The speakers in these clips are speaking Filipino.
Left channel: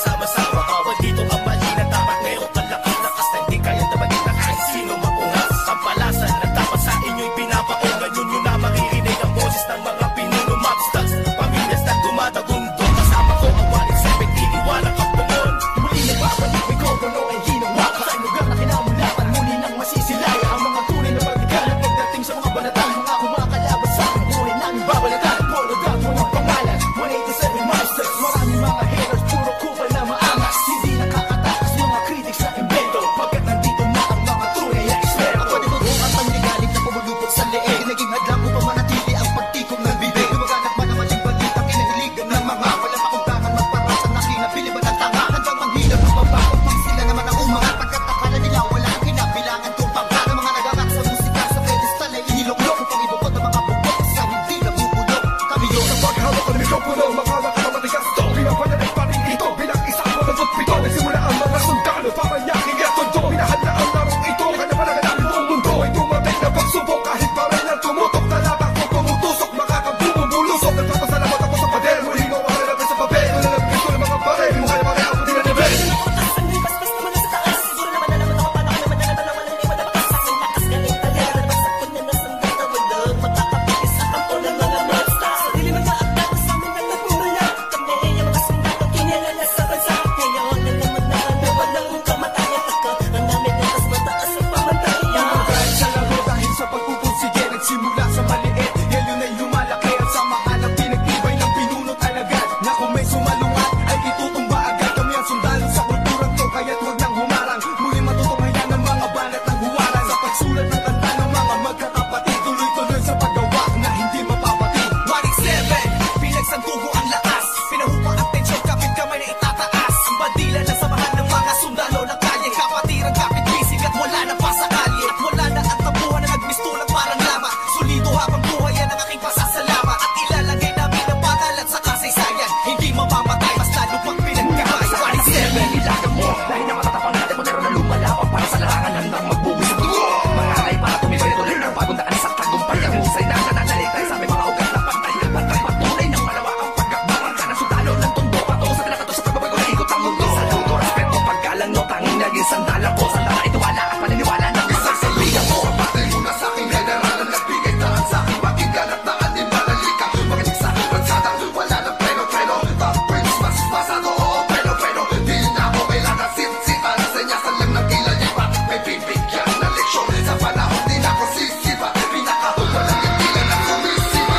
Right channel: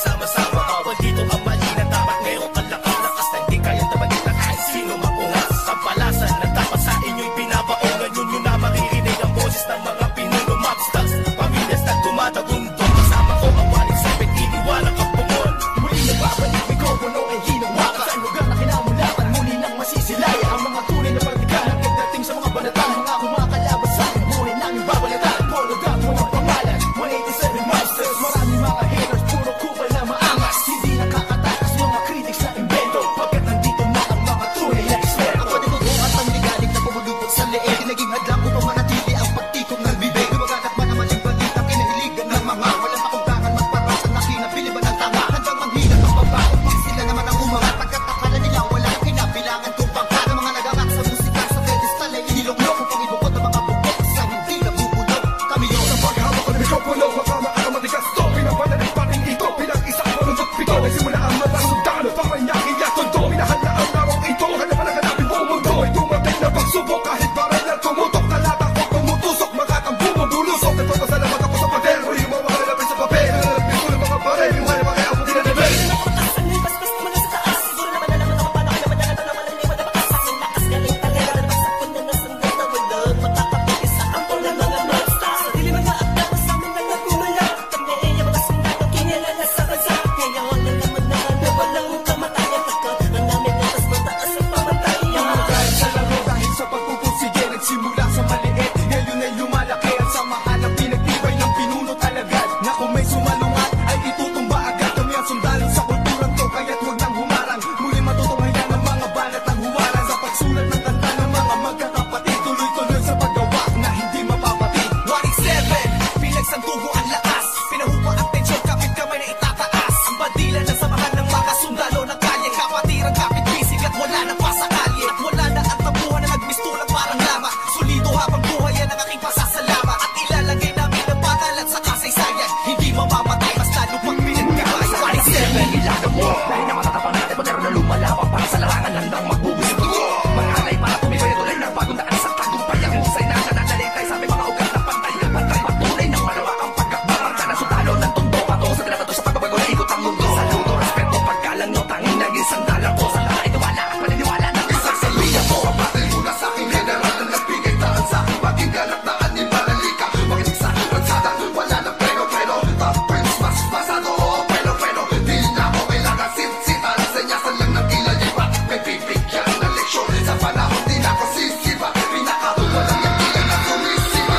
nagsama-sama. Bawal dito ang mali na dapat meron kalakas-lakas na hindi kayang tabagin na kahit sino maungas. Tampalasan na dapat sa inyo'y binabaon. Ngayon nyo na maririnig ang boses ng mga pinuno, mobsters, pamilyas na dumadagundo. Kasama ko ang 187, iniwanan kang bungol. Muli nagbabalik, mikropono ay hinawakan sa lugar na kinamulakan. Muli nang masisilayan ang mga tunay na pagtigang na pagdating sa mga banatang mga kumakalaban sa amin. Buhay namin babalatan, polo dot, walang pangalan. 187 Mobsters, marami mga haters, puro kupal na maangas. Hindi nakakatakas mga critics na invento, pagkat nandito na ang mga tunay na eksperto. Ang panibago at ang ligalig na pumulupot sa leeg, ginaging hadlang upang manatili ang pagtikom ng bibig. Lumaganap man ang maling balita, kinahiligan ng mga walang pakundangan magparasang nakinabili ba ng tanga. Handang manghilang pagbaba upang sila naman ang umangat. Pagkat akala nila wala nang kinabilangan kung pangkat. Ng mga nagangat sa musika sa pedestal ay iniloklok upang ibukod ang mga bukod sa hindi nabubulok. Kami yun. Sa paghawak ko ng mikropono, mga makatamatigas to, pinapadalik pa rin ito bilang isang manuntot pito. Nagsimula ang mga sundalo, Paranaque at Tondo. Minahal na ang larong ito, kanya pa naganapin buong mundo. Ay dumating na pagsubok, kahit baril lang tumutok. Talata ko tumutusok, makakambumong bulusok. Nagpapasalamat ako sa pader, muling mawala na sa papel. Ito na lang gusto ng mga baril, di mo kaya pare abutin na nabel. Bigay na nakamatasan ng basbas naman na sa taas. Siguro naman alam mo na kung paano kami madalatan na walang liwan na bakas. Tanging lakas galing talaga na basta po na nasundal na walang makakapigil sa kampo ng mga monsters. Sarili mga akda na sa amin lang nagmumula. Kami yung mga sundalong kinilala sa bansa. Ngayon alam mo na walang kamatayan pagkat ang aming antas mataas ang pamatayan. Kahit sa laro dahil sa pagpupursige, nagsimula sa maliit, ngayon ay lumalaki. Ang samahan ng pinagtibay ng pinunot alagad, na kung may sumalungat ay itutumba agad. Kami ang sundalo sa kulturang to, kaya't huwag nang humarang. Muli matutunghayan ng mga banat ng huwaran. Sa pagsulat ng kanta ng mga magkakapatid, tuloy-tuloy sa paggawa na hindi mapapatid. 187, pinagsantugo ang lakas, pinahupa ang tensyon, kapit kamay na itataas. Ang bandila ng samahan ng mga sundalo ng kalye, kapatirang kapit bisig at wala na pa sa kalye. At wala na ang tabuhan na nagmistulang parang lamat. Solido habang buhay yan ang aking pasasalamat. At ilalagay namin ang pangalan sa kasaysayan, hindi mamamatay, mas lalo pang pinagkabayan. Kasi nangingilagan mo, lahi na matatapang natin mo, meron na lumalabang para sa larangan hanggang magbubis ang dugo. Mag-alay para tumibay at tulay ng bagong daan sa tagumpay. Ang husay na nananalitay sa aming mga ugat na pantay. Pantay patunay ng malawakang pagkakbangan ng sundalo ng tondo. Patungo sa tinatato sa pagbabago na ikot ng mundo. Saludo, respeto, paggalang nyo, tanging naging sandalang ko. Sa mga itiwala at paniniwala ng mga saludo mo. Kapatay muna sa aking general na nagbigay daan sa aking maging ganap na animalalika. Makinig sa ratsadang wala ng preno-preno. Top Prince, mas masado, preno-preno. Di na ako kailangan sit-sitan. Senyasan lang ng kilay, batik may bibigyan na leksyon. Sa panahon di na ako sisiba, pinaka walang yan tila na sumisiba.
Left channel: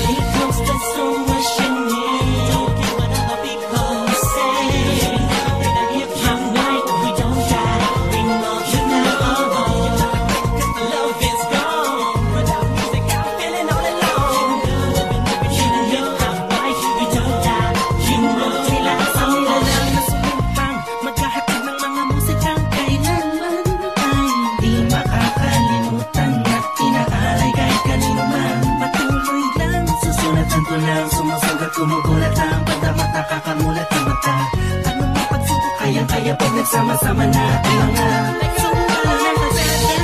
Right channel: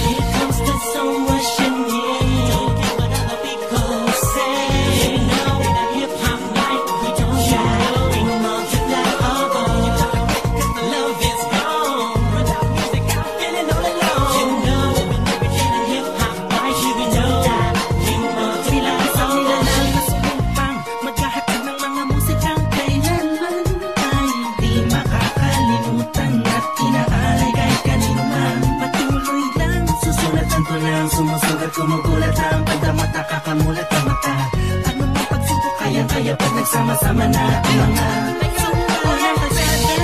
Here comes the sun rushing in. Don't care what other people say. Living every day the hip-hop life. We don't die, we multiply. Oh, oh, you try to quit cause the love is gone. Without music I'm feeling all alone. Living every day the hip-hop life. We don't die, we multiply. Bilang isang nilalang na sumumpang maghahatid ng mga musikang kailanman ay di makakalimutan at inaalay kahit kanino man. Patuloy lang, susulat ang tulang, sumusugat, kumugulat ang pandamat, nakakamulat ang mata. Ano mang pagsubok kayang-kaya pag nagsama-sama na ang mga sundalo ng kalsada.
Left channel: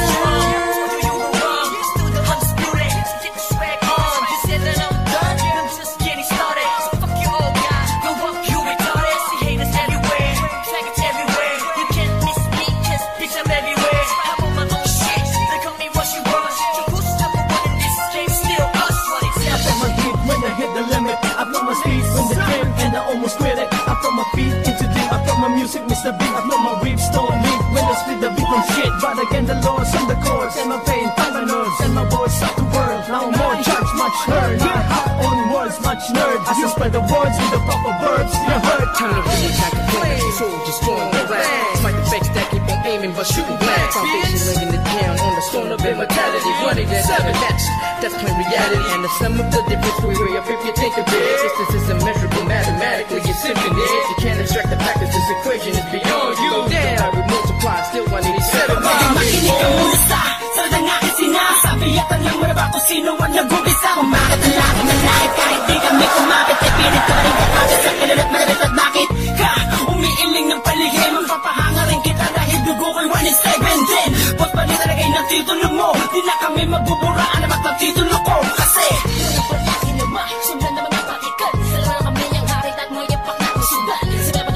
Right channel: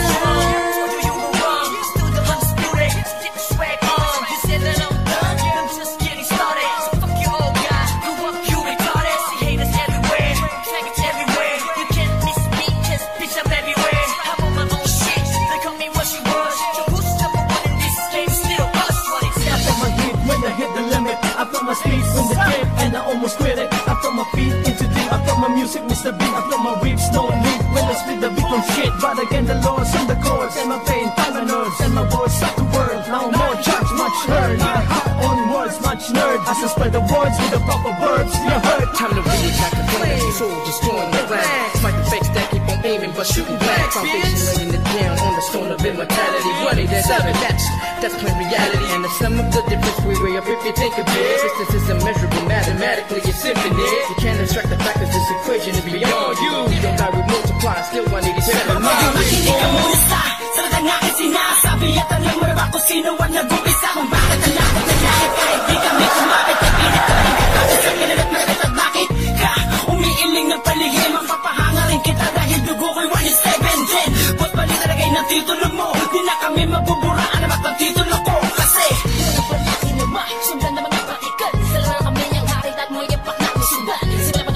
You were wrong, still the undisputed. So get your swag on. You said that I'm done, I'm just getting started. So fuck your old guy, blew up, you retarded. See haters everywhere, faggots everywhere. You can't miss me, cause bitch I'm everywhere. I'm on my own shit, they call me what she was. So who's number one in this game? Still us, 187. I felt my heat when I hit the limit. I felt my speed when the trip and I almost quit it. I felt my feet into deep. I felt my music, Mr. Big. I felt my rips don't lead when I split the beat from shit. But again the Lord's on the chords and my pain find my nerves and my words start to whirl. Now more judge, much heard. My heart on words, much nerd. As I spread the words with the proper verbs, you heard. Time to reignite the flame. Your soul just join the ranks. Smite the fakes that keep on aiming but shooting blank. Foundation laying it down on the stone of immortality. Running that other match, that's plain reality. And the sum of the difference we weigh up if you think of it. Distance is immeasurable, mathematically it's infinite. You can't extract the fact that this equation is beyond you. We don't die, we multiply, still 187. Makinig ka muna sa sarad ang aking sinasabi. At alam mo na ba kung sino ang nag-umpisa? Bakit ang langit na langit kahit di kami kumapit? Ay pilit na rin katapos sa kilala't malagat. At bakit ka umiiling ng paligid? Mapapahanga rin kita dahil dugo ko'y 187 din. Boss bali talagay ng titulo mo. Di na kami magbubura, alamat ng titulo ko. Kasi walang palaki na sundan ng mga batikan. Sila na kami ang harit at mga yapak namin sundan. Sila naman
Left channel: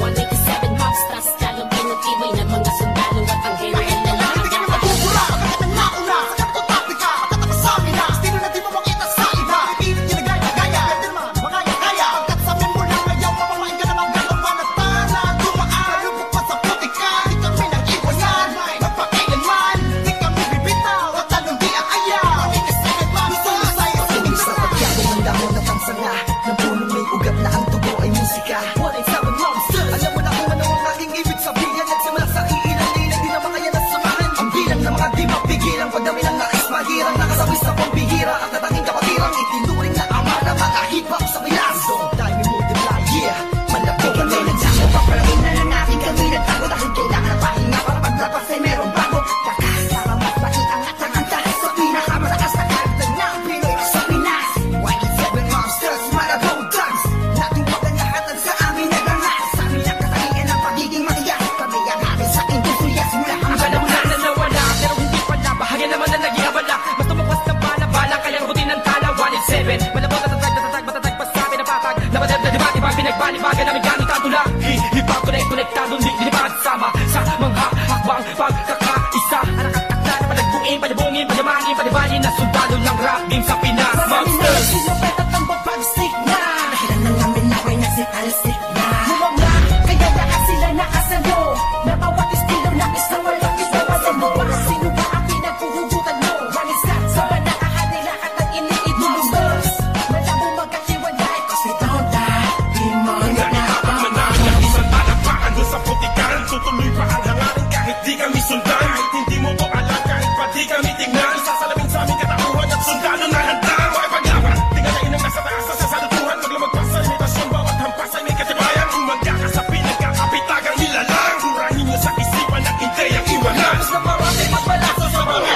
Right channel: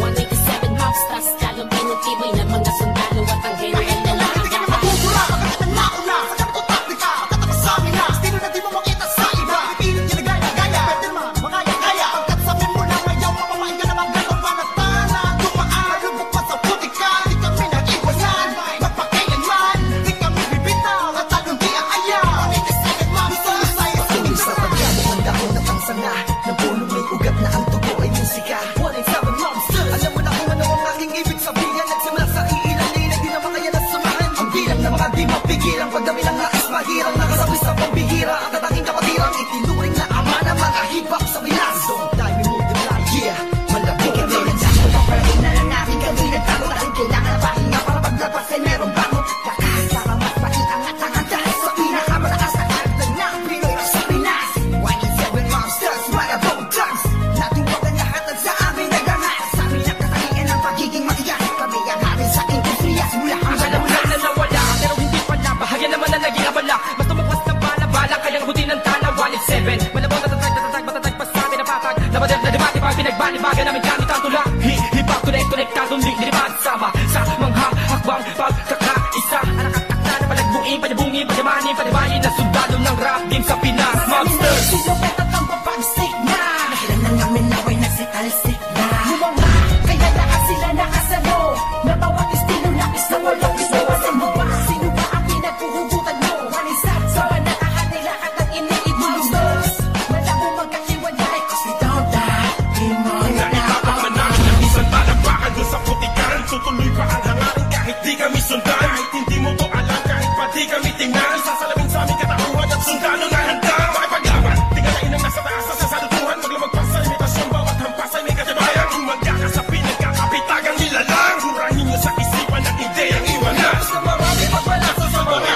187 mobsters, lalong pinatibay ng mga sundalo at ang general Kahit na kailan hindi kami mabubura, magkakat ng nauna sa ganitong taktika, pagkatapos sa amin na estilo na di mo makita sa ina. Pipilit ginagaya-gaya, pwede naman makaya-kaya, pagkat sa mo lang ngayon mapamain ka naman gano'n ba na tana, dumaan na lubok man sa putika, di kami nag-iwanan, magpakailanman, di kami bibitaw at talong di aayaw. 187 man, Luzon, Visayas, Sa pagyabong ang dahon at ang sanga ng punong may ugat na ang dugo ay musika. 187 Monsters. Alam mo na kung ano ang aking ibig sabihin. Nagsimula sa iilan ngayon ay di na makaya na samahan. Ang bilang na mga di mapigilang pagdami ng nais mahirang nakasabi sa pambihira at natanging kapatirang itinuring na ama ng mga hip-hop sa Pinas. We don't die, we multiply, yeah. Malabog kami nagdako, pagpalagay na lang natin kami nagtago dahil kailangan ng pahinga para paglabas ay meron bago. Kakas para mas maiangat ang andas sa pinakamataas na karagdag ng Pinoy rock sa Pinas. 187 Monsters, Malabong Thugs, natuwagan lahat at sa amin nagangas. Sa amin ang katangian ng pagiging matigas. Kami ang hari sa industriya simula ang Wala na nawala, pero hindi pala. Bahagya naman na naging abala. Mas tumukwas ng bala-bala, kayang abutin ng tala. 187, malabon, tatatag, matatag pa sa pinapatag. Napadep na debate, pag pinagbalibagan namin gamit ang tula. Hip-hop, konektadong linibag sama sa mga hakbang pagkakaisa. Anak at akla na patagbuin, panyabungin, panyamanin, panibayin na sundalo ng rap game sa Pinas. marami na nagsilupet at ang babagsik na dahilan ng amin naway na si Talsik na mga kaya lahat sila nakasalo na bawat estilo na isawalong sino ba ang pinagkuhugutan mo sa banakahan ay lahat ng iniidolo mo malabo magkahiwalay cause we don't die di mo Kung naitapak man namin ang isang talampakan doon sa putikan, tutuloy pa ang hangarin kahit di kami sundan. Kahit hindi mo to alam, kahit pa di kami tingnan, isasalamin sa aming katauhan at sundalo na handa makipaglaban. Tingalain ang nasa taas sa sasalutuhan, maglamag pa sa limitasyon, bawat hampas ay may katibayan. Tumangga ka sa pinagkakapitagang nilalang, kurahin nyo sa isipan ang ideyang iwanan. Nakapos na marami pagbalasa sa mga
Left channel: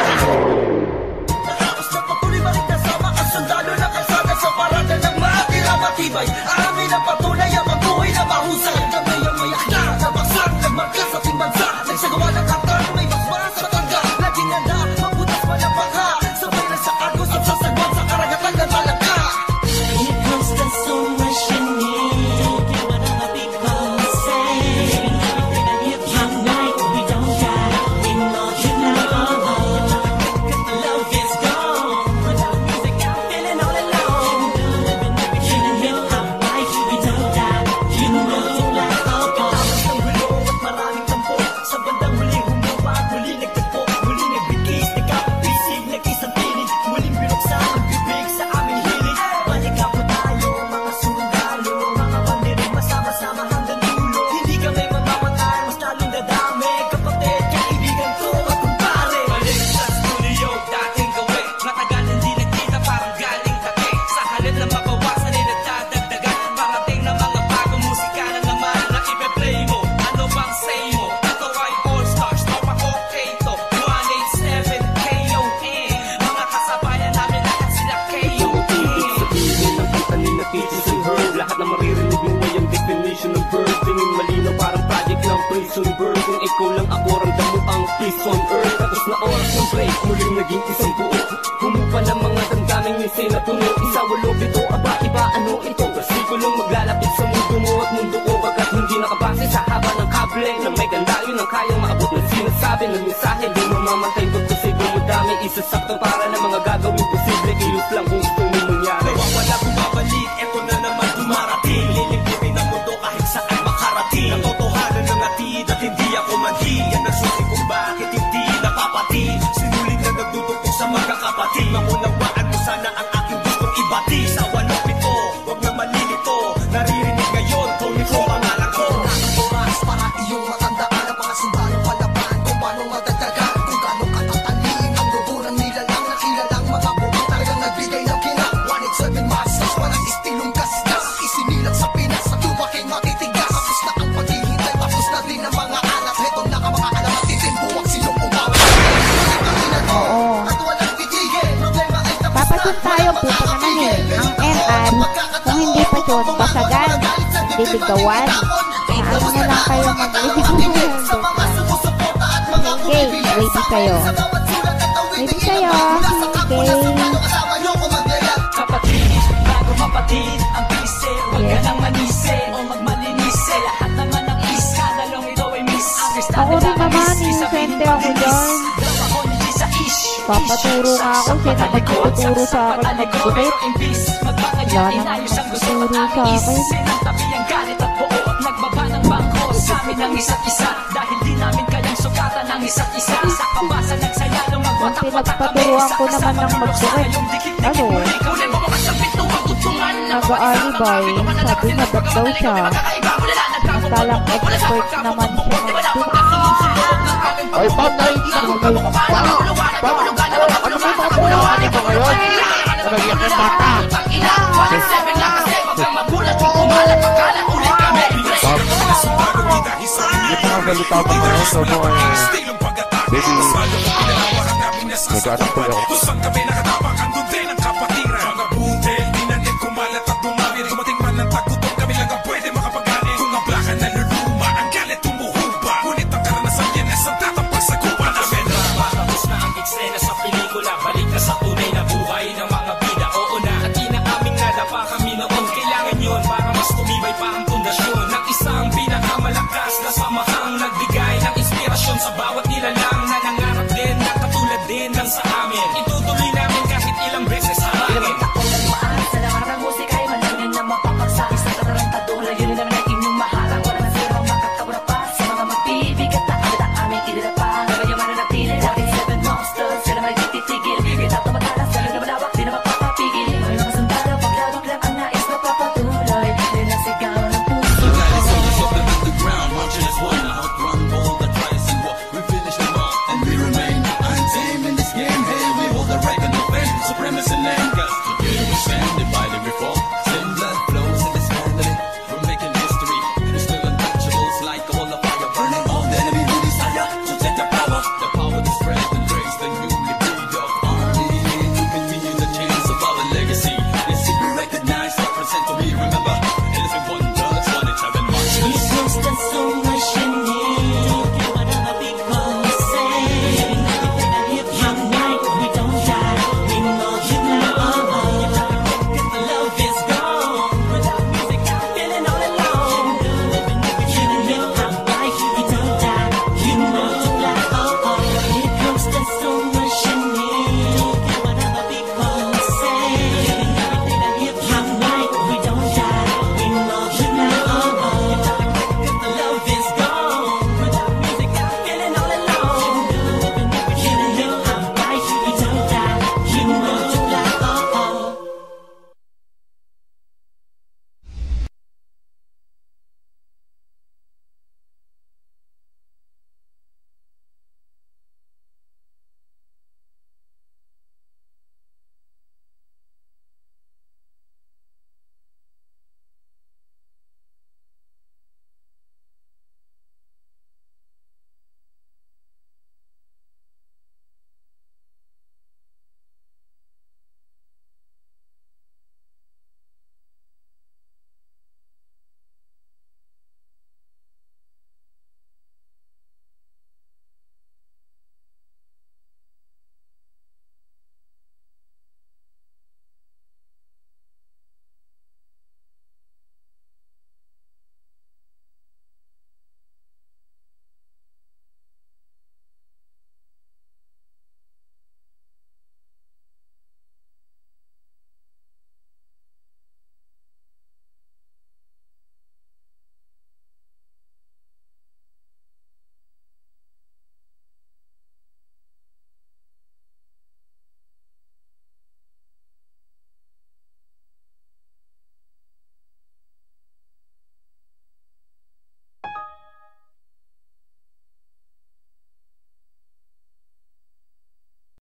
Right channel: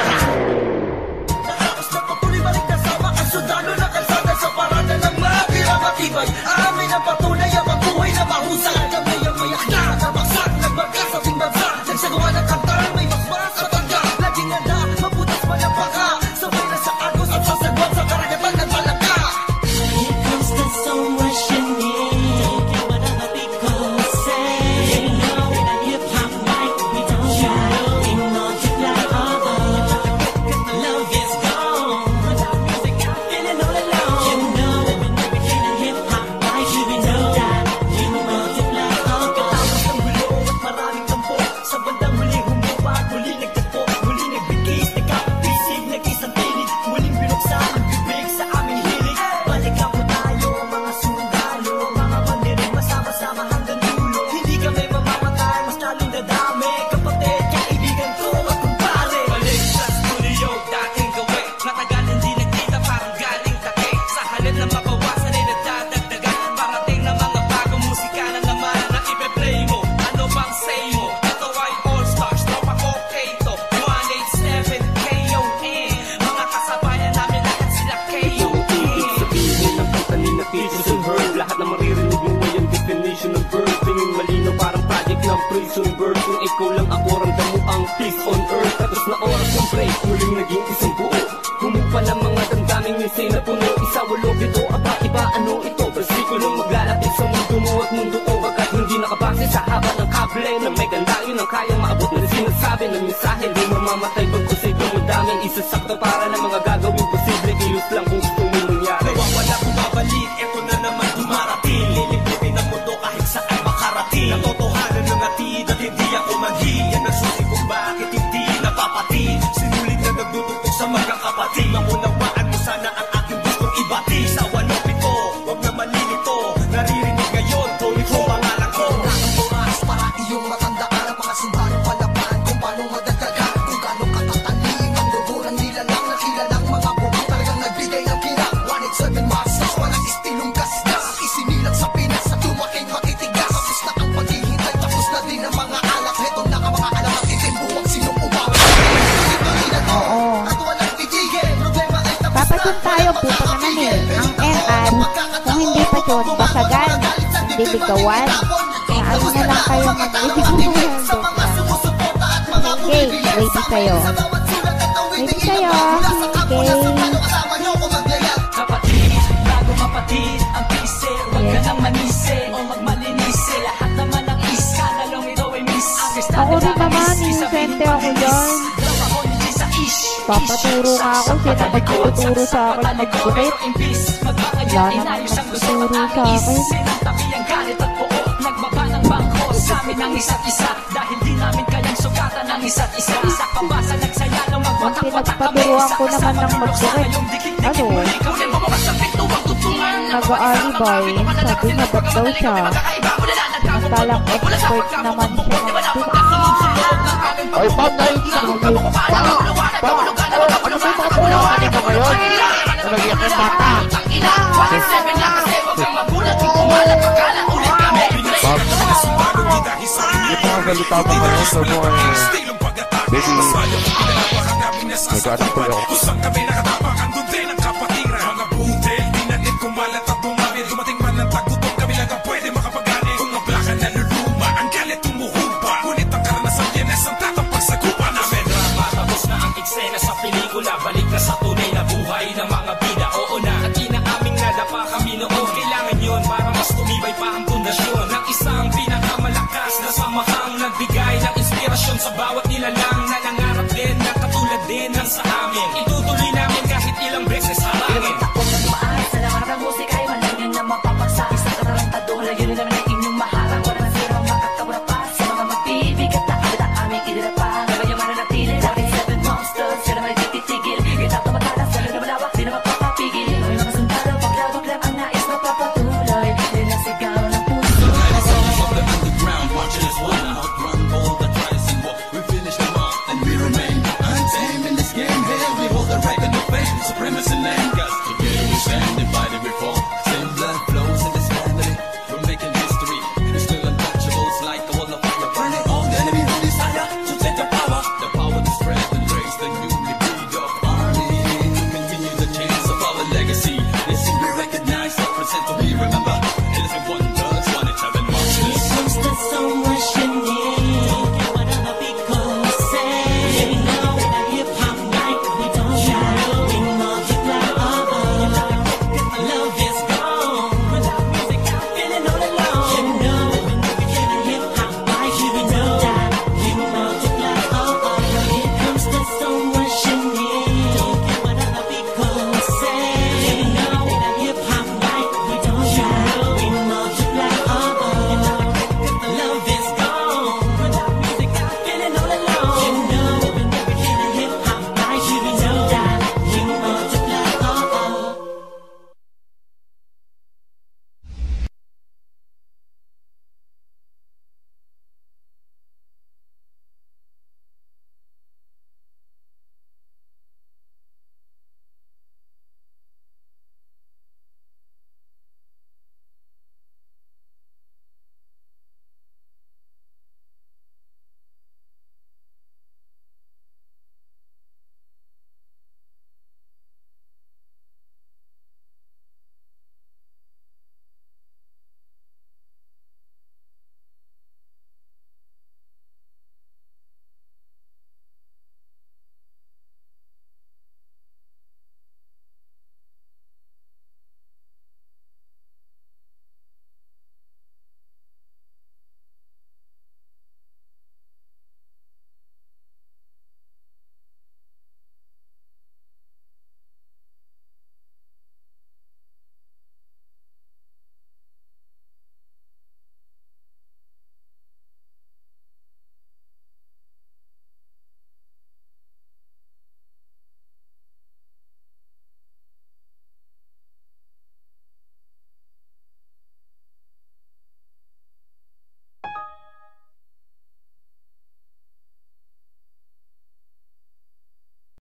nakapos na patuloy maring kasama ang sundalo ng kalsada sa parada ng matira matibay. Amin ang patunay ang buhay na mahusay. Kami ang mayak na namaksang nagmarka sa ating bansa. Nagsagawa ng kantang may basbas sa tangga. Laging handa, mabutas man ang baka. Sabay na sa agos at sasagwan sa karagatan ng talangka. Here comes the sun rushing in. Don't care what other people say. Living every day the hip hop life. We don't die, we multiply. Oh, you try to quit 'cause the love is gone. Without music, I'm feeling all alone. Living every day the hip hop life. We don't die, we multiply. Pagkatapos ng gulo at maraming tampo, sa bandang huli humupa at muli nagtagpo. Muli nagbigis, nagkapit-bisig, nag-isang tinig. Muling binuksan ang bibig sa aming hilig. Balikan po tayo mga sundalo, mga mandirig masama-sama hanggang dulo. Hindi kami mamamatay, mas lalong dadami. Kapatid, kaibigan ko at kumpare. Balik sa studio, dating gawi. Matagal hindi nagkita, parang galing tate. Sa halip na mabawasan ay nadadagdagan. Parating na mga bagong musika na naman na ipe-play mo. Ano bang say mo? Ito ay All Stars, tropa okay to. 187 KON. Mga kasabayan namin lahat sila KON. Ibig sabihin ng kanta ni na Peaches and Herb. Lahat na maririnig mo ay ang definition ng verb. Tingin malinaw parang project ng prison bird. Kung ikaw lang ako, ramdam mo ang peace on earth. Tapos na oras ng break, muling naging isang buo. Humupa ng mga damdaming nisay na puno. Isa, walo, pito, aba, iba, ano ito? Versikulong maglalapit sa mundo mo at mundo ko. Pagkat hindi nakabase sa haba ng kable na may kandayo ng kayang maabot ng sinasabi ng mensahe. Di mamamatay pagkusigong mo dami. Isasakto para ng mga gagawin posible. Kilos lang kung gustong may mangyari. Nawawala, bumabalik, eto na naman dumarating. Lilibutin ang mundo kahit saan makarating. Katotohanan ng atid at hindi ako manhid. Yan ang susi kung bakit hindi napapatid. Sinulit na nagduduktok sa magkakapatid. Maunawaan mo sana ang aking gustong ibati. Sa 1-7, wag na malilito. Naririnig ngayon, Tony Chrome pangalan ko. Ito na ang oras para iyong matandaan ang mga sundalong palaban. Kung paano madagdagan, kung gaano katatalim ang dugo ng nilalang na kilalang mga buang talagang nagbigay ng kinang. 187 Monsters, walang istilong kaskas. Isinilang sa Pinas at lumaking matitigas. Tapos na ang paghihintay, tapos na din ang mga alak. Heto na ang mga alamat, itim buwang silong umawag. Tuloy-tuloy na to, at walang titigil. Problema ay tapos na. Papatun tayo, puto naman eh. Ang MR, kung hindi pa yun, basagan, nagbibigawan. Na ano na lang kayo magbibigawan. Okay, ready kayo. Ready kayo. Okay. Kapatid, magkakapatid ang pise. Huwag ka nang manise o magmalinise. Lahat naman ng iskandalong ito ay misunderstand. Ako rin naman, inosente ako dyan. Daw ako ni Gisa Ish. Papaturo nga ako, sino magtuturo sa akin magdukit? Wala namang magtuturo sa akin. Sinantabi ang galit at buo. Nagbaba ng bangko sa amin ng isa't isa. Dahil di namin kayang sugatan ng isa't isa. Isa pa ba sa nagsaya no magwatak-watak kami. Pinagpaturuan ko naman ng magdukit. Ano? Nag-aalibay. Sabi niya ba't daw siya? Matalang expert naman siya magdukit. Ay, Pangay! Ano ba yung mga pulakan nito ngayon? Nagiging yung mata! Yung mga salita mo ngayon, sabi mo baby, nag-anak po ako. Kusang kami nakatapak, andun din ang kapatiran. Mga butel, dinanim, kumalat at dumami. Dumating man ng tagutom, kami lang ang pwede makapagani. Kung ang plaka naluluma, ang galit tumuhuba. Ngunit ang karanasan yan ay isang tatampag sa gupa namin. Drama, tapos na ang eksena sa pelikula. Balik na sa tunay na buhay ng mga bida. Oo na, at inaaming nadapa kami noon. Kailangan yun para mas tumibay pa ang pundasyon ng isang pinakamalakas na samahang nagbigay ng inspirasyon sa bawat nilalang na nangarap din na katulad din ng sa amin. Itutuloy namin kahit ilang beses harangin. Ilang taon na dumaan sa larangan ng musika ay malaman na mapapagsa. Isang katarantado, layunin namin ay inyong maharang. Wala na sila makakabura pa sa mga magbibigat na kami na aming idinapa. Gabay mananatili, 47 monsters, kaya naman ititigil. Kita tumatalas, lalo na malawak, di na magpapapigil. May mga sundalo, paglabag ang nais mapapatuloy. Yan ang sigaw ng puso ko. Marching as one, outrun all the tries and war. We finish them all, and we remain untamed in this game. Hey, we hold the record of fame, supremacy lane. Cause together we stand, divided we fall. Same blood flows in this family. We're making history. We're still untouchables, like a wall of fire, burning all the enemy who desire to take the power to spread and raise the newly breed of army to continue the chains of our legacy. Yes, we recognize, represent, so we remember. It is one.